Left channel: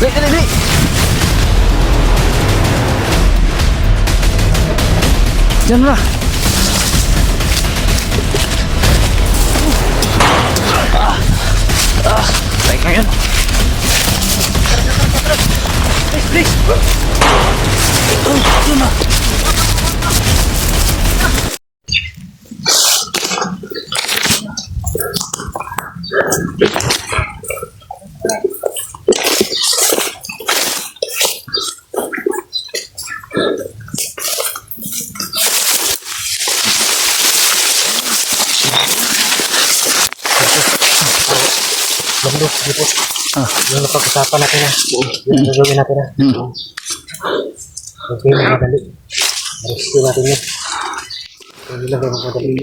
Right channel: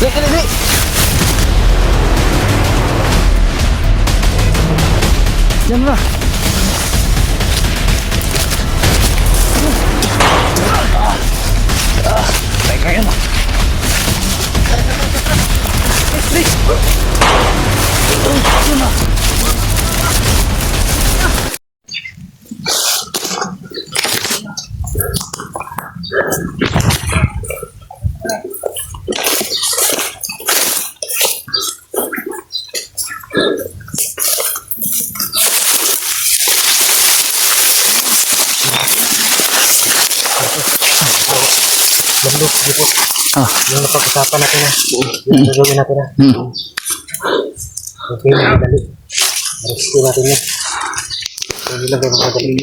Dali, dali, dali. Diyan na. Tayo ka yan. Dali. Diyan na. Bandok, di po. Yung napag-usapan natin na. Yung gagawin natin na. Okay, madali. Rescue natin yun. Hindi lang kayo madali.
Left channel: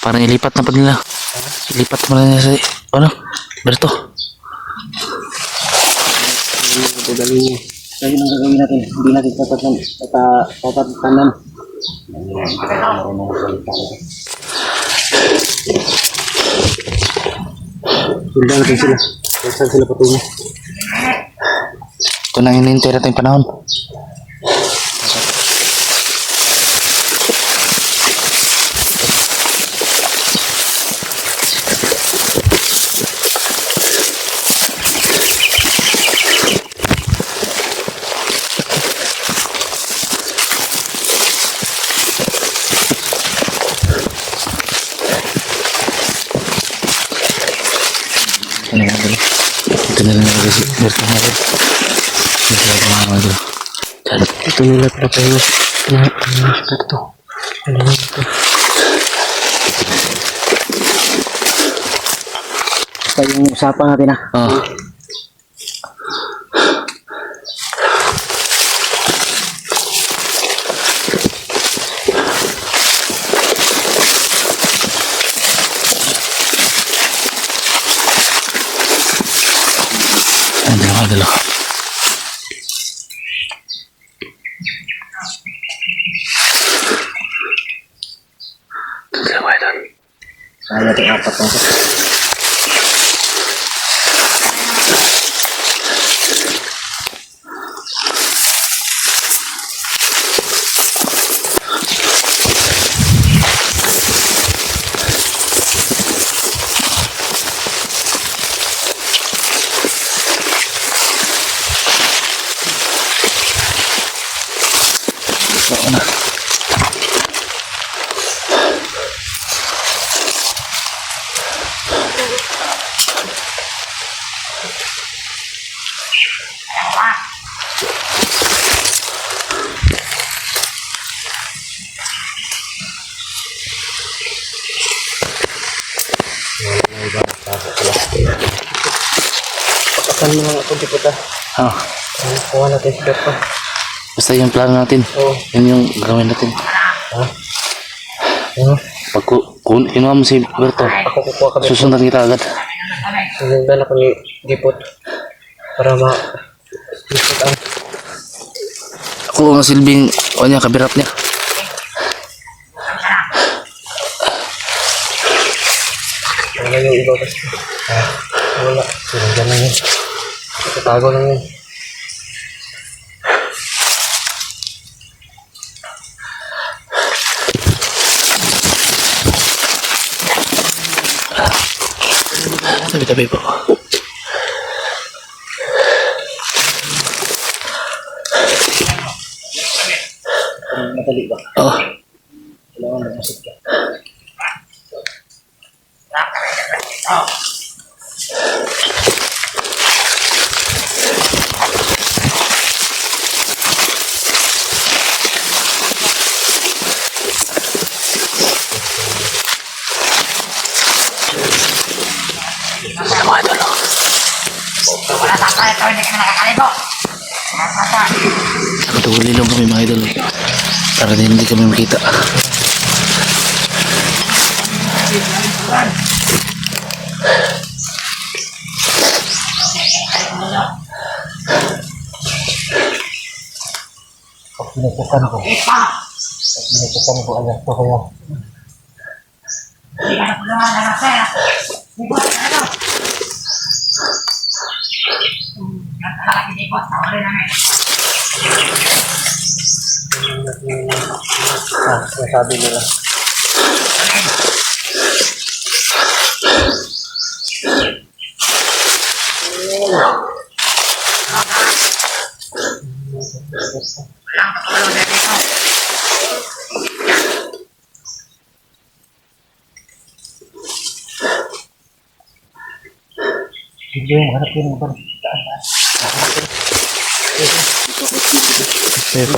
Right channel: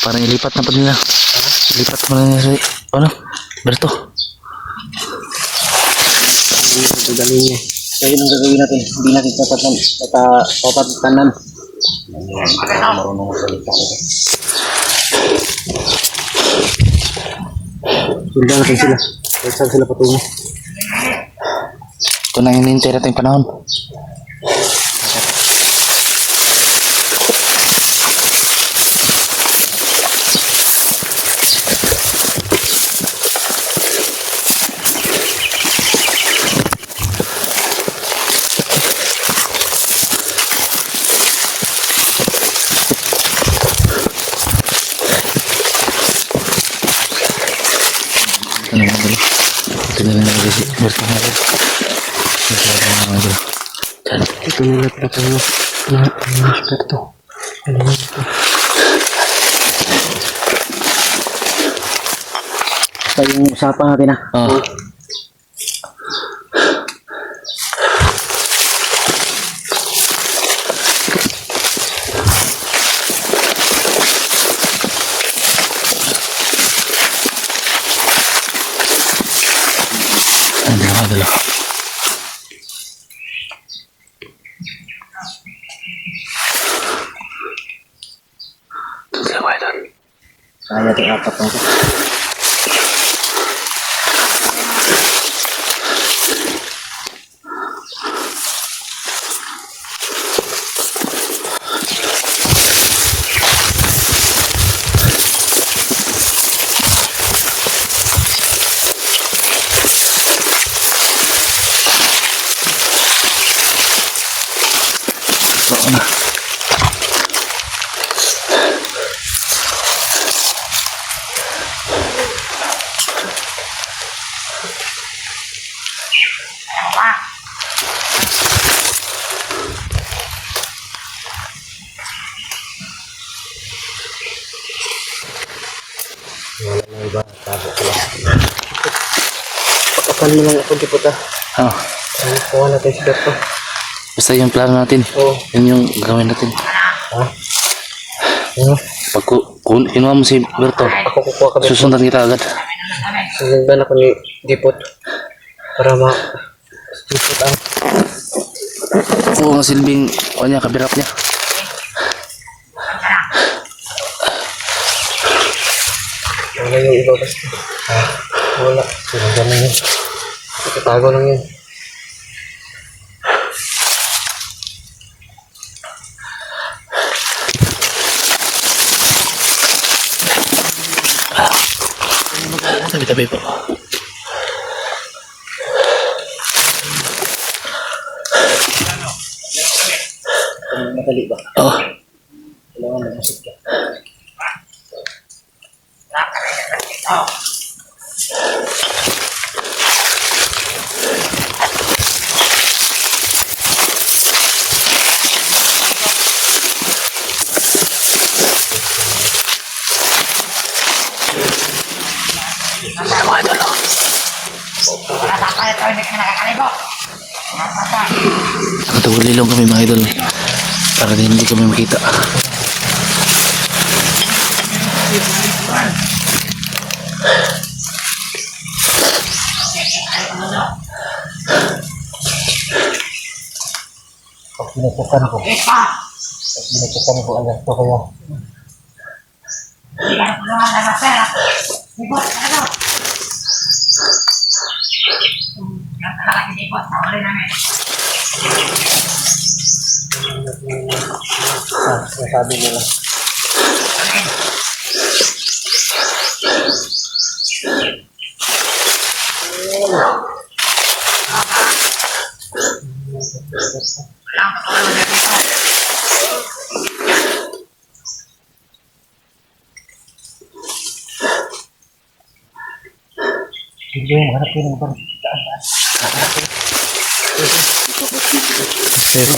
Parang ilipat na pa nila. Ilipat mo na nila sa... Ano? Berto. Madali niya. Kaya yung gagawin natin. Hindi natin tatatanan. Marunong salita ko. Sundan natin sila. Saan sila patungo? Ito na hinihintay natin panahon. Ano mga gulo? Ito na lang nalagay si Berto mga gulo. Ito na lang mga gulo. Ito nila pala tayo. Berto. Ano yun ito? Basta yung usapan natin na. Oo. Ayan na mga gulo. Dalawa doon. Kaya natin apat lang ito. Oo na. Tapakan mo lang ako dito ta. Oo. Kuha natin si Berto. Basta yung plano natin. Oo. Yun yung gagawin natin. Pag kinuha mo si Berto, Ako kukuha ka Berto. susundan kita agad. Sinundan ako ni Dipot. Para Dipot ang Oo, ang silbing o niya, kabirat niya. wala yung iba basta. Wala. Sinundan lang yun. Tatago lang yun. Tabi-tabi po. Madali ba? Oo. Kailangan mamusik ka. Ito mga idol. Wala sa tayo ito, hindi ka nakakalibo. Nakatuli lang kami mga idol. Para hindi kami makita. Pag pinupukan ko. Pag pinupukan ko, alas ko kaya. Hindi ka naman na sir. Ibot, ano? Boss, nakuli namin. Nasabi nila. Alin? Walang katulong na dito. Hindi yung hanap ko ng bang. Pero,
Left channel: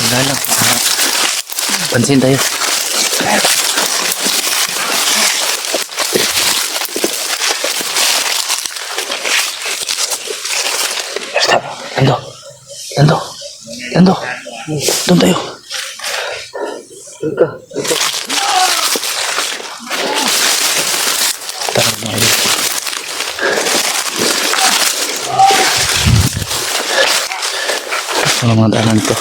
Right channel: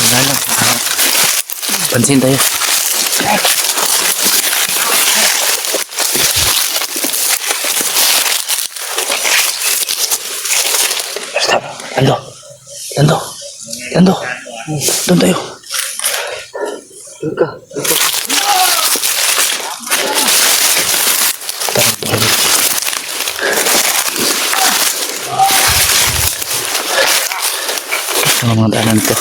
wala lang. Pansin tayo. Lando. Lando. Lando. Doon tayo. Tara, mga idol. Sa mga daanan to.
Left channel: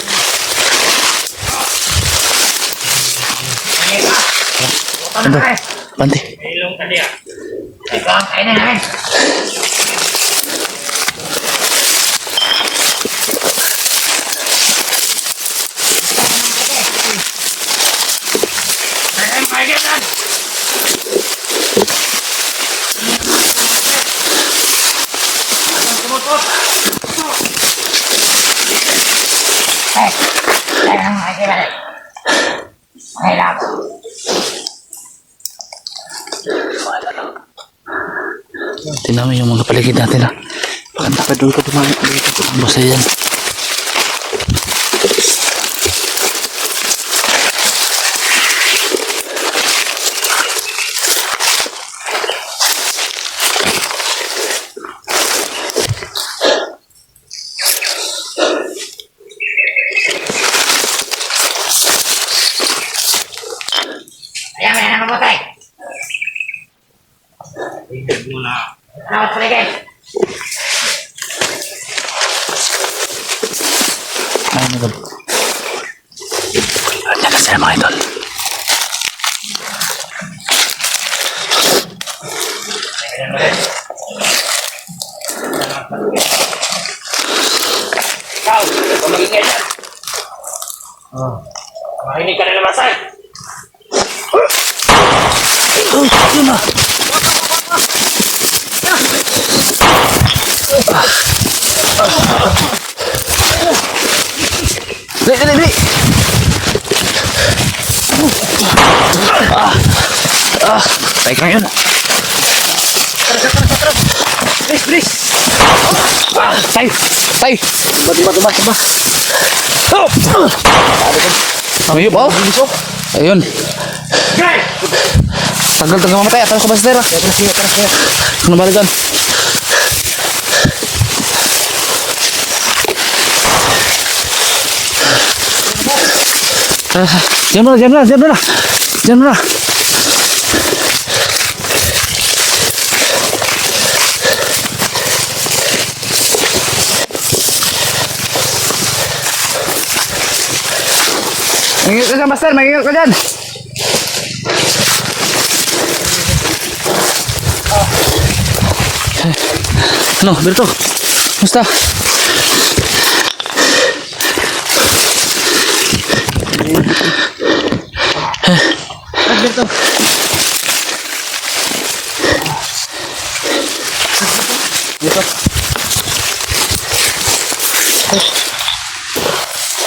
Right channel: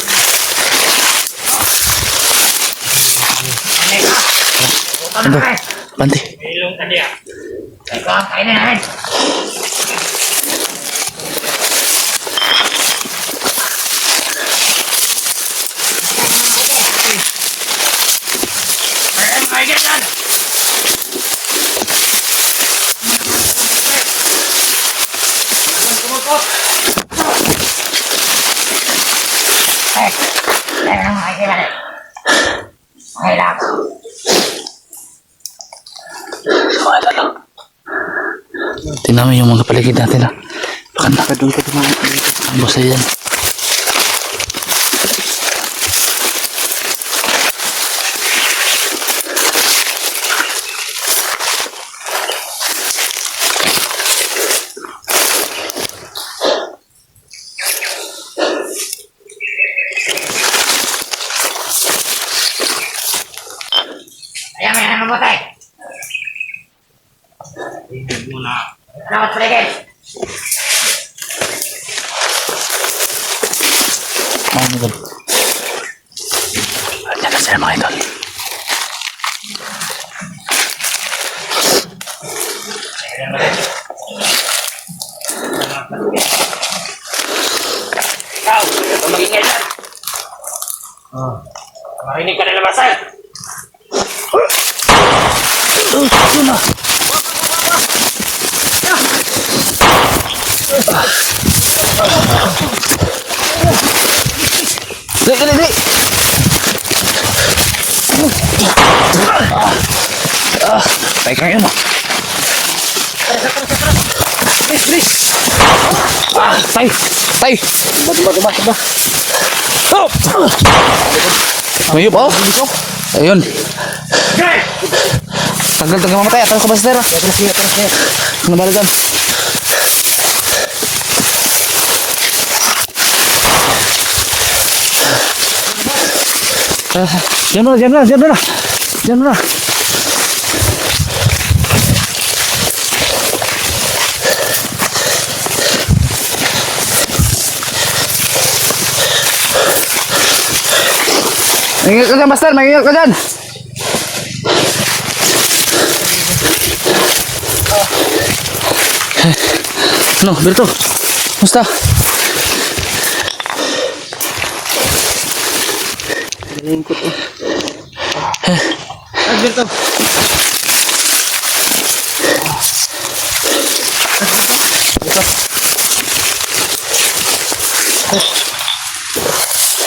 Lando. Bante. Ilong tadi ah. Ikaw ang kainin namin. Tingnan mo yung mga paligid natin ha. Baka nakadul ka din ang basa yan. Ayan, may namamatay. Salamat sa ligid. Ay, idol. Diyan na sila mga idol. Ikaw, tumingin yan. Marinig ka na namasay. Yun na. Dali, dali, dali. Tayo ka yun. Tayo, tayo. Tuba. Mayup, oh. Ayun. Tanggal mamatay. Atras ko ba sa tera? Atras kaya. Ano ba dyan? Diyan mo na. Mangingat ka dyan, Master. Mangingat ka dyan. Ano, Berto? Musta?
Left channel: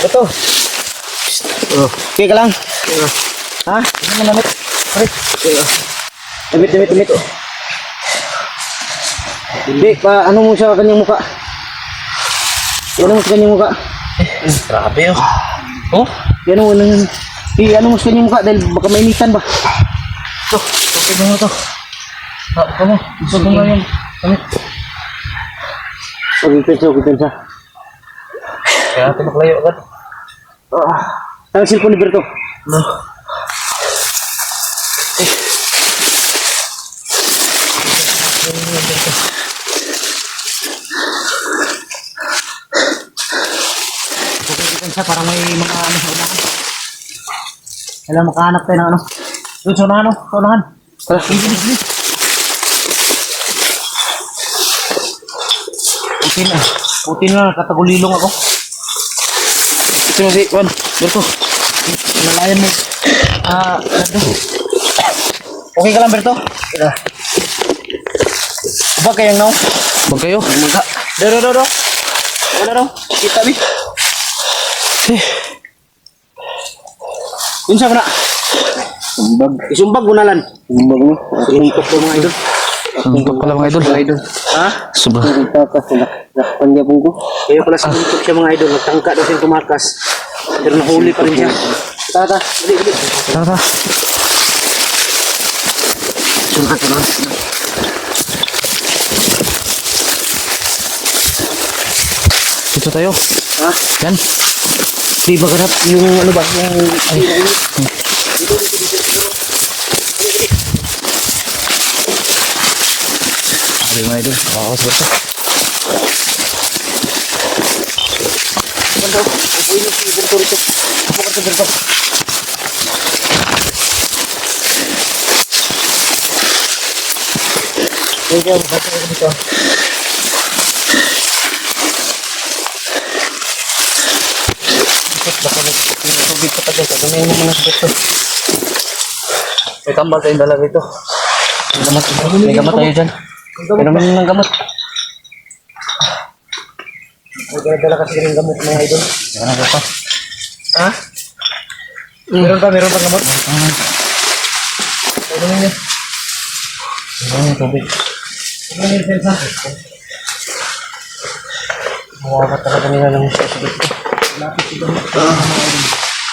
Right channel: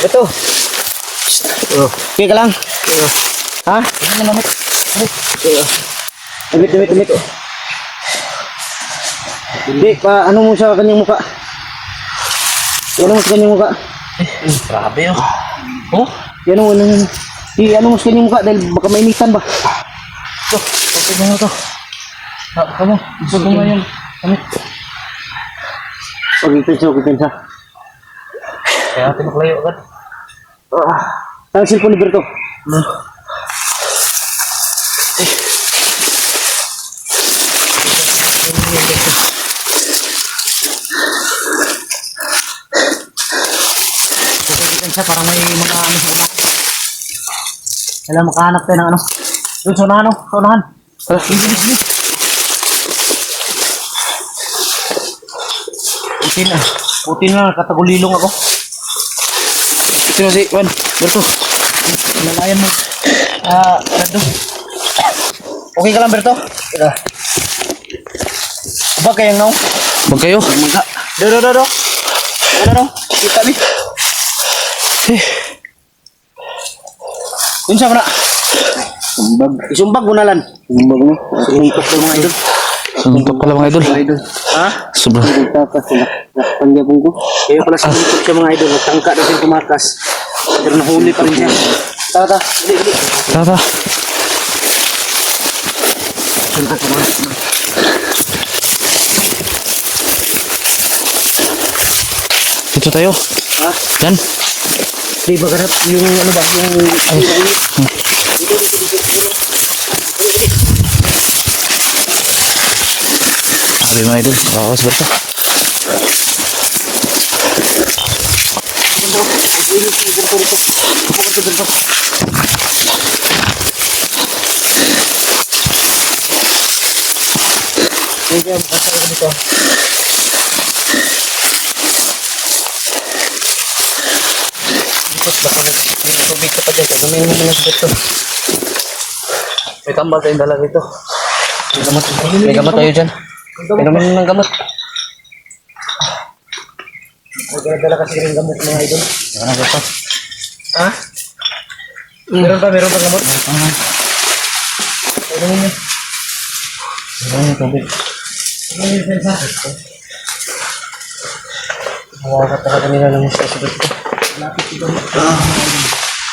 Ito. Okay ka lang? Ha? Ano lamit? Damit. Hindi, ano mo sa kanyang muka? Ano mo sa kanyang muka? Grabe oh. Oh? Ano mo sa kanyang muka dahil baka mainitan ba? Ito, okay na ito. Kamu, gusto ko nga yung lamit. Okay, kinsa. Kaya pinaklayo agad. Ang cellphone ni Berto. No. Kinsa para may mga ano sa unahan. Alam, makahanap tayo ng ano. Doon sa unahan, oh. Sa unahan. Tara. Putin na. Putin na. Katagulilong ako. Ito na si Juan. Berto. Nalayan mo. Berto. Okay ka lang, Berto? Ika. Ba kayang now? Huwag kayo. Magka. Do. Kita ni. Unsa man na? Sumbag. Isumbag mo na lan. Sumbag mo. Sumbag mo mga idol. Suntok pala mga idol. Mga idol. Ha? Sobrang. Nagtakas. Nakpan niya po ko. Kaya pala sumbag siya mga idol. Nagtangka daw siyang tumakas. Pero nahuli pa rin siya. Tata. Dili. Tara. Sunat naman. Dito tayo. Ha? Yan. Di ba ganap yung ano ba? Yung Sabi mga idol. Bawas Berto. Bandaw. Ang inis ni Berto rito. Ako ka Berto. Kaya basta ko dito. Baka may tubig ka pa dito. Ganyan mo muna sa dito. May tambal tayong dala dito. May gamot tayo dyan. May naman ng gamot. May dala kasi ng gamot mga idol. Ano ba pa? Ha? Meron pa gamot? Ano niya? Ano tubig? Ano yung pensa? Mawawa talaga nila ng musya sa dito. Lapit si gamot.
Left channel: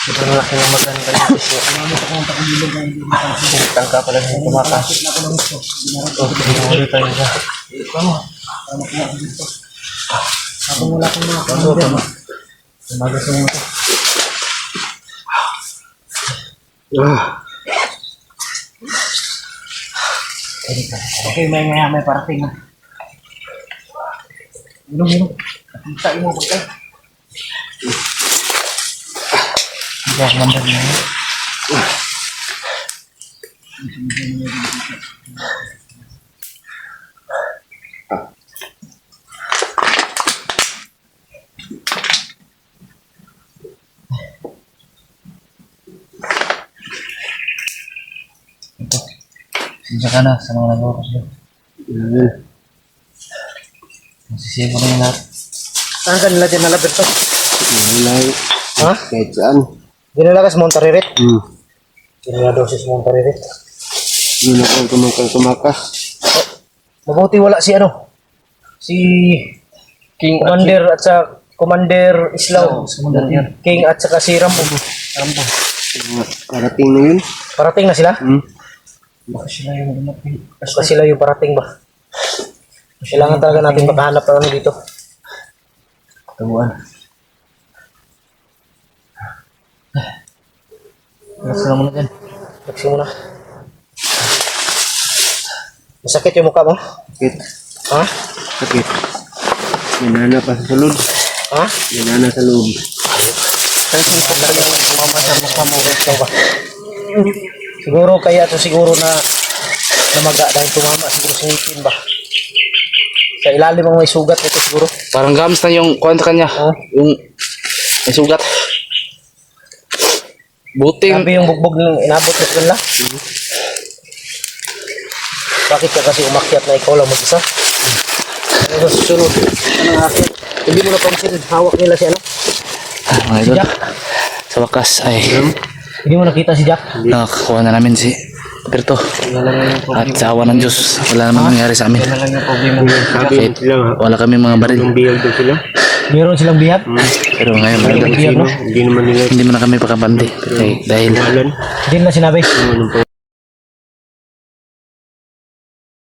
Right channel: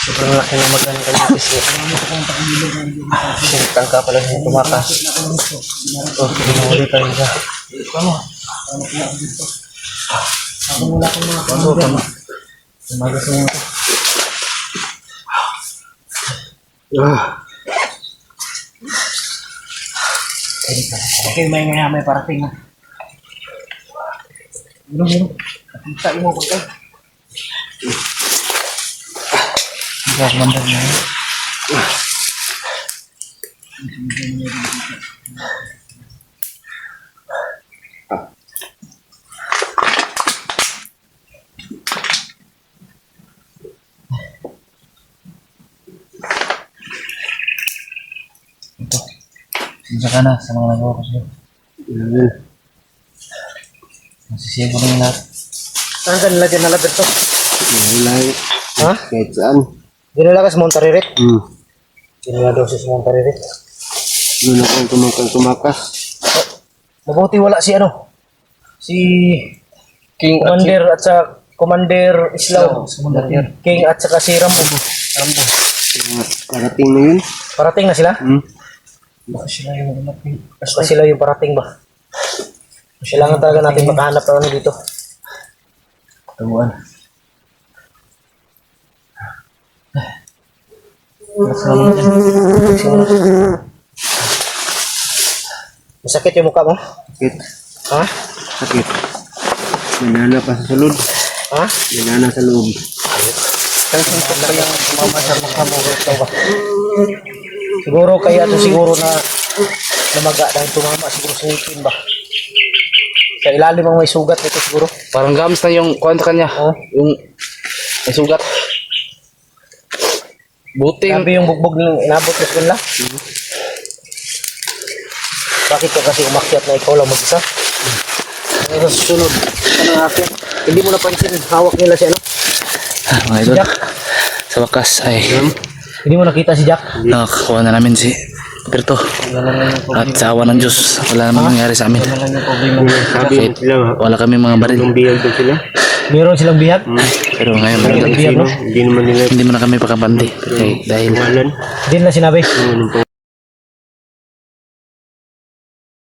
Siguro ako yung magandang kalipis yun. Ang mga kanta kong bilog na hindi nakasip. Tangka pala siya tumata. Lapit na ako ng gusto. Binahuli tayo siya. Tama. Tama ko na dito. Ako mula kong mga kanta. Tumagas mo ito. Okay, may parating na. Minum. Kita mo pagka. Biar mandar na. Ito. Sinsya ka na sa mga nagawa ko sa'yo. Masisiya ko na yung lahat. Saan ka nila dyan nalabit to? Mulai Ha? kahit saan. Dinala ka sa Montaririt? Hmm. Dinala daw siya sa Montaririt. Doon ako tumakas. Mabuti wala si ano? Si King Commander at sa Commander Islaw. King at saka si Rambo. Parating na yun. Parating na sila? Hmm. Baka sila yung parating ba? Kailangan talaga natin makahanap ng ano dito. Tabuan. Salamat yan. Magsimula. Masakit yung mukha mo? Sakit. Ha? Sakit. May nana pa sa sulod. Ha? May nana sa loob. Siguro kaya to siguro na namaga dahil tumama siguro sa ngipin ba? Sa ilalim ang may sugat nito siguro. Parang gams na yung kwento kanya. Oh. Yung may sugat. Buting. Sabi yung bugbog ng inabot mo kanila. Bakit ka kasi umakyat na ikaw lang mag-isa? Ano sa susunod? Ano akyat? Hindi mo napansin, hawak nila si ano? Mga idol. Jack. Sa wakas ay Hindi mo nakita si Jack? nakakuha na namin si Berto. At sa awa ng Diyos, wala namang nangyari sa amin. Sabi sila nga. Wala kami mga baril. Yung biyag daw sila. Meron silang bihag? Pero ngayon, mga idol, Sino? Hindi naman nila hindi mo na kami pakabandi. Okay, dahil pangalan. Hindi na sinabi. Anong